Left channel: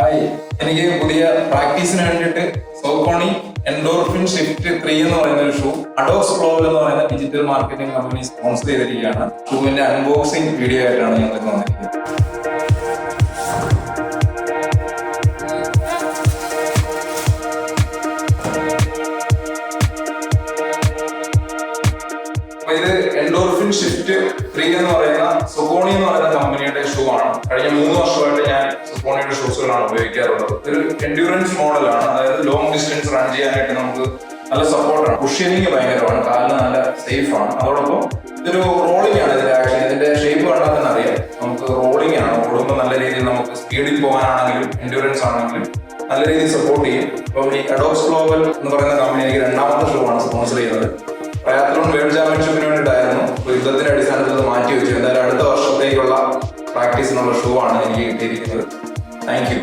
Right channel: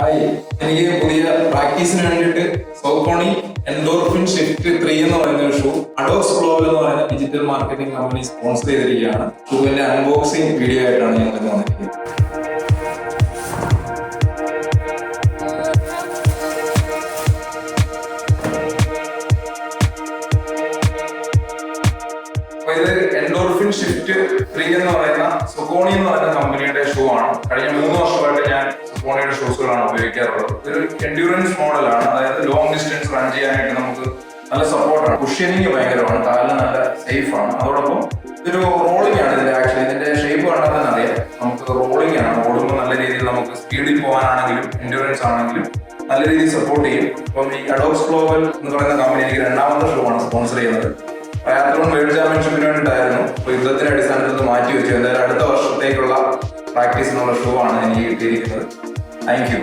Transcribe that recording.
Hi, എനിക്ക് പുതിയ പ്രാക്ടീസിന് വേണ്ടിയിട്ട് സോക്കോണി എൻഡോർഫിൻ ഷിഫ്റ്റ് 3 എന്ന് പറയുന്ന ഒരു ഷൂ അഡോക്സ് ഗ്ലോബൽ എന്ന് പറയുന്ന ഡിജിറ്റൽ മാർക്കറ്റിംഗ് കമ്പനി സ്പോൺസർ ചെയ്തിരിക്കുകയാണ്. ഷൂവിന്റെ അൺബോക്സിംഗ് വീഡിയോ ആയിട്ടാണ് ഞങ്ങൾ ഇന്ന് വന്നിരിക്കുന്നത്. ഇത് എൻഡോർഫിൻ ഷിഫ്റ്റ് 3 എന്ന് പറയുന്ന സോക്കോണി എന്ന് പറയുന്ന കമ്പനിയുടെ ഷൂ ആണ്. കഴിഞ്ഞ 3 വർഷമായിട്ട് ഞാൻ സോക്കോണിയുടെ ഷൂസുകളാണ് ഉപയോഗിക്കാറുള്ളത്. ഒരു എൻഡ്യൂറൻസ് മോഡലാണ്, അതായത് ലോങ് ഡിസ്റ്റൻസ് റൺ ചെയ്യാനായിട്ട് നമുക്ക് നല്ല സപ്പോർട്ടാണ്. കുഷ്യനിങ് ഭയങ്കരമാണ്, കാലിന് നല്ല സേഫ് ആണ്. അതോടൊപ്പം ഇതൊരു റോളിംഗ് ആണ്. ഇതിന്റെ ആക്ഷൻ, ഇതിന്റെ ഷേപ്പ് കണ്ടാൽ തന്നെ അറിയാം. നമുക്ക് റോളിംഗ് ആണ്, ഓടുമ്പോൾ നല്ല രീതിയിൽ നമുക്ക് സ്പീഡിൽ പോകാനാണെങ്കിലും എൻഡ്യൂറൻസ് ആണെങ്കിലും നല്ല രീതിയിൽ സപ്പോർട്ട് ചെയ്യും. അപ്പം ഈ അഡോക്സ് ഗ്ലോബൽ എന്ന് പറയുന്ന കമ്പനി എനിക്ക് 2ാമത്തെ ഷൂ ആണ് സ്പോൺസർ ചെയ്യുന്നത്. ട്രയാത്ലോൺ വേൾഡ് ചാമ്പ്യൻഷിപ്പിന് വേണ്ടിയിട്ടായിരുന്നു. അപ്പോൾ യുദ്ധത്തിന്റെ അടിസ്ഥാനത്തിൽ മാറ്റി വെച്ചു. എന്തായാലും അടുത്ത വർഷത്തേക്കുള്ള പ്രാക്ടീസിനുള്ള ഷൂ ആണ് എനിക്ക് കിട്ടിയിരിക്കുന്നത്. Thank you.